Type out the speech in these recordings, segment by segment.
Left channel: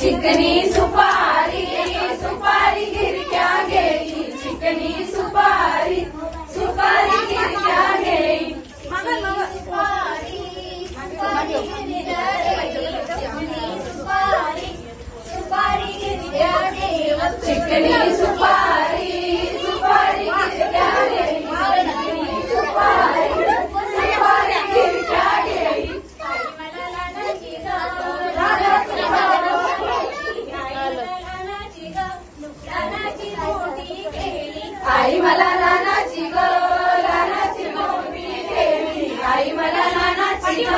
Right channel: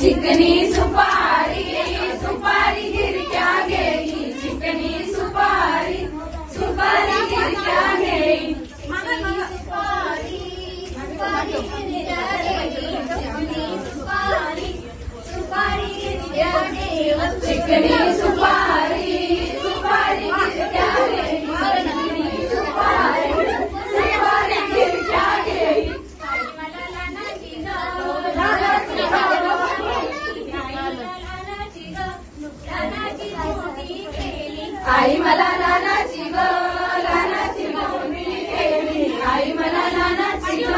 चिकनी सुपारी सुपारी गिरक्या गेली चिकनी सुपारी सुपारी गिरक्या गेली सुपारी सुपारी गिरक्या गेली चिकनी सुपारी आई मला नानाची ग नानाची मोठी केली. आई मला नानाची ग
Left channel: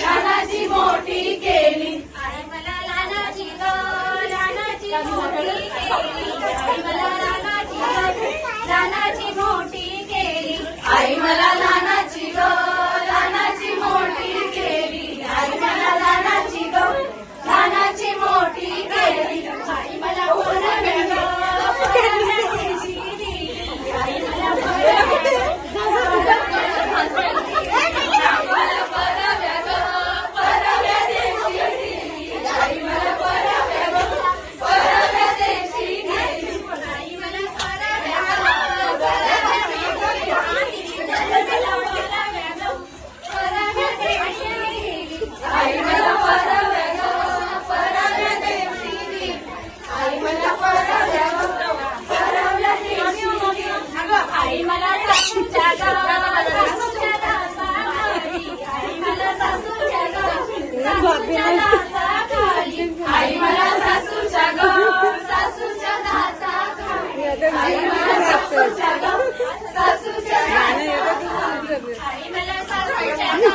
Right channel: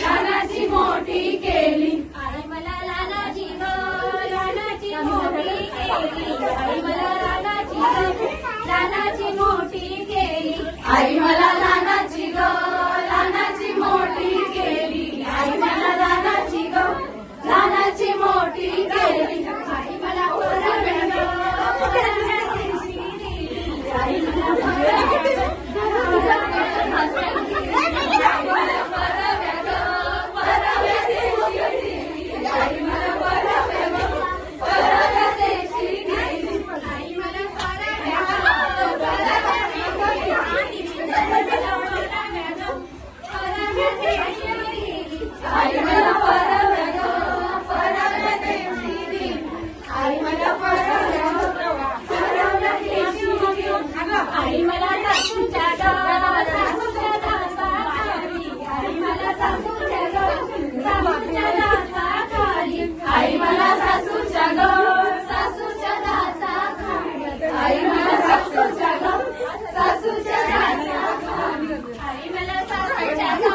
नानाची मोठी केली. आई मला नानाची ग नानाची मोठी केली. आई मला नानाची नानाची मोठी केली. आई मला अरे